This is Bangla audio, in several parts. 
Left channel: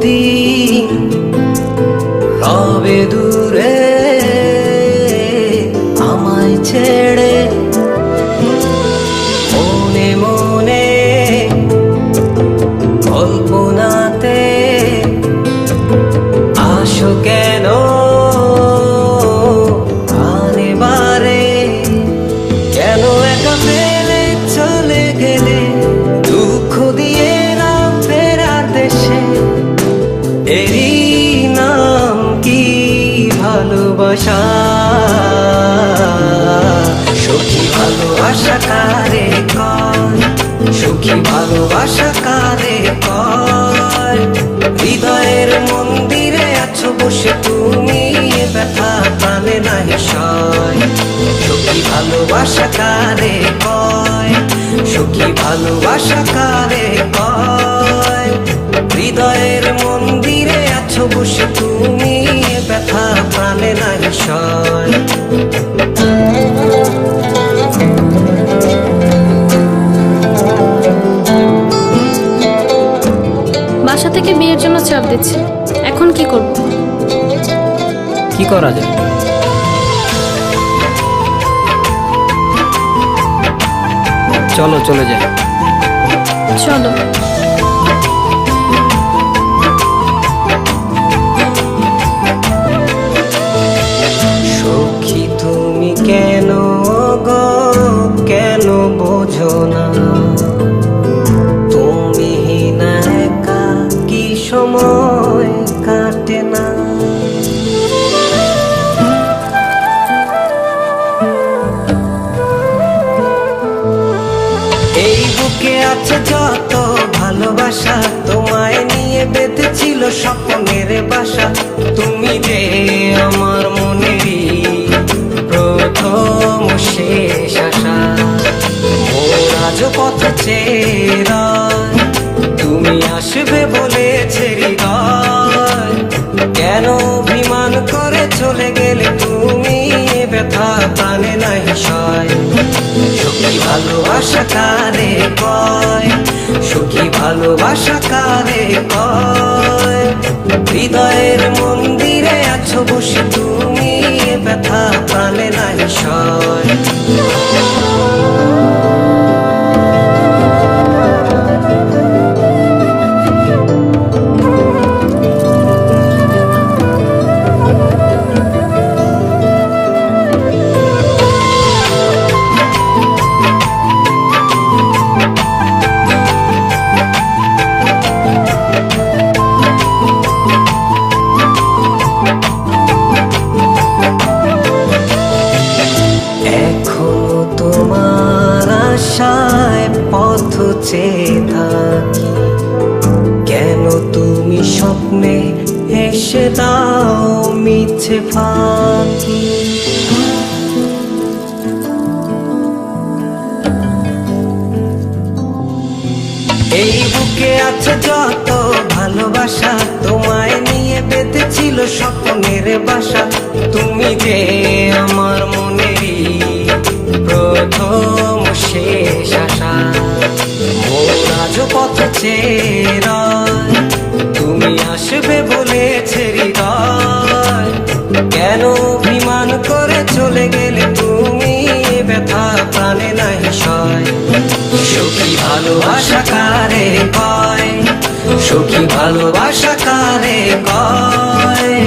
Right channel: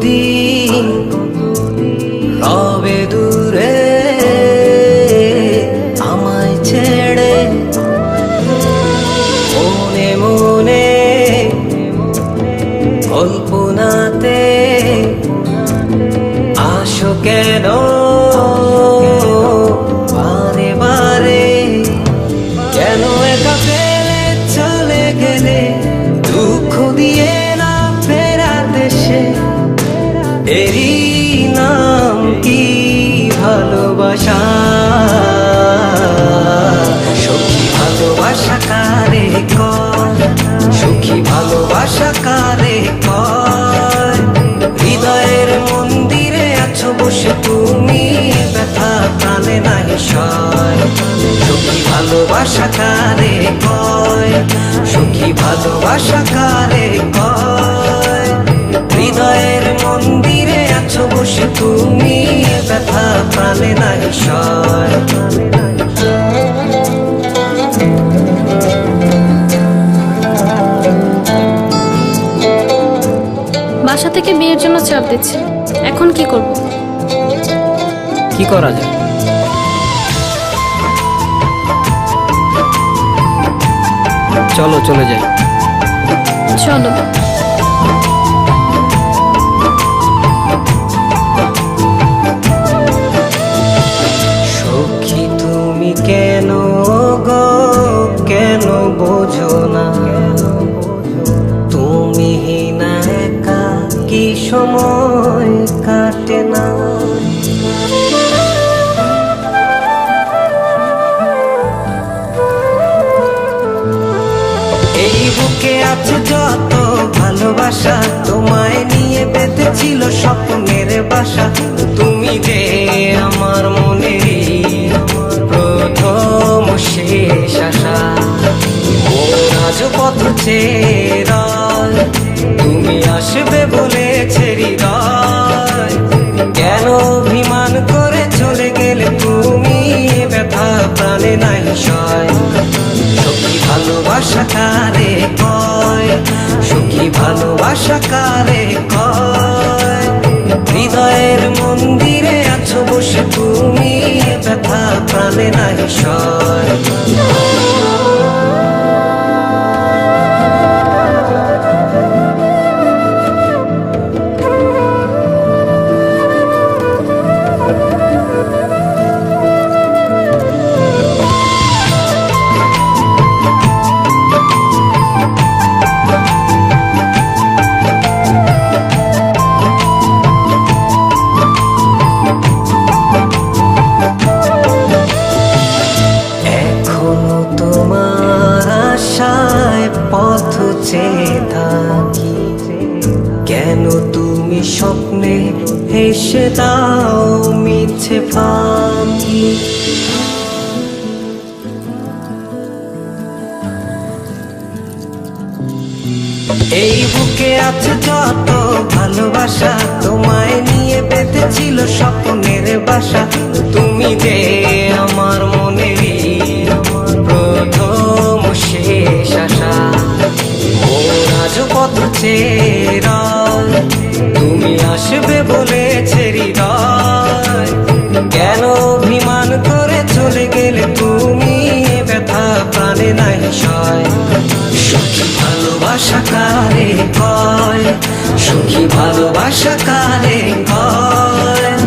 কতদিন রবে দূরে আমায় ছেড়ে মনে মনে কল্পনাতে আসো কেন? বারে বারে কেন একা ফেলে চলে গেলে দুঃখ দিয়ে ভালোবাসা। সখী ভালোবাসা কারে কয়? সুখী ভালোবাসা কারে কয়? হৃদয়ের মন্দিরে আছো বসে তুমি, ব্যথা প্রাণে নাহি সয়। সুখী ভালোবাসা কারে কয়? সুখী ভালোবাসা কারে কয়? হৃদয়ের মন্দিরে আছো বসে তুমি ব্যথা প্রাণে নাহি সয়। বাসা থেকে বিয়ের জন্য চাপ দিচ্ছে। এখন কি করব? কি করা যায়? চলো চলে যাই। চলো। বোঝো না। তুমি না একা, কি সময় কাটে না। এই বুকে আছে যত ভালোবাসা, তোমায় নিয়ে বেঁধেছিল স্বপ্নের বাসা। তুমি যে আমার মনেরই প্রথম শেষ আশা। মোর আজ পথ চেরায়। তুমি আসবে বলেছে হৃদয় কেন অভিমান করে চলে গেলে তুমি ব্যথা প্রাণে নাই সয়? সখী ভালোবাসা কারে কয়? সখী ভালোবাসা কারে কয়? হৃদয়ের মন্দিরে আছো বসে তুমি ব্যথা প্রাণে নাই সয়। আশায় পথ চেয়ে থাকি। কেন তুমি স্বপ্নে হেসে দাও মিছে ফাঁকি? এই বুকে আছে যত ভালোবাসা, তোমায় নিয়ে বেঁধেছিল স্বপ্নের বাসা। তুমি যে আমার মনেরই প্রথম শেষ আশা। মোর আজ পথ তুমি আসবে বলেছে হৃদয়। কেন অভিমান করে চলে গেলে তুমি ব্যথা প্রাণে নাই সয়? সুখী ভালোবাসা কারে কয়? সুখী ভালোবাসা কারে কয়?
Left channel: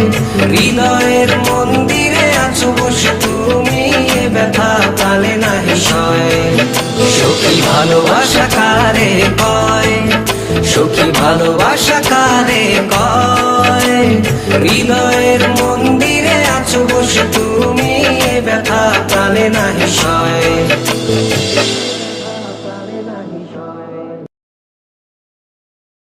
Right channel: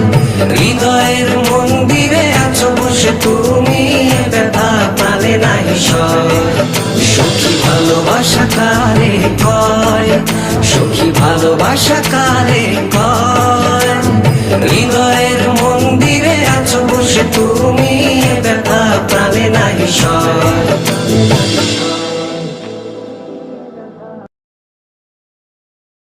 হৃদয়ের মন্দিরে আছো বসে তুমি ব্যথা সয় সুখী ভালোবাসা কারে কয়? সুখী ভালোবাসা কারে কয়? হৃদয়ের মন্দিরে আছো বসে তুমি ব্যথা প্রাণে নাহি সয়।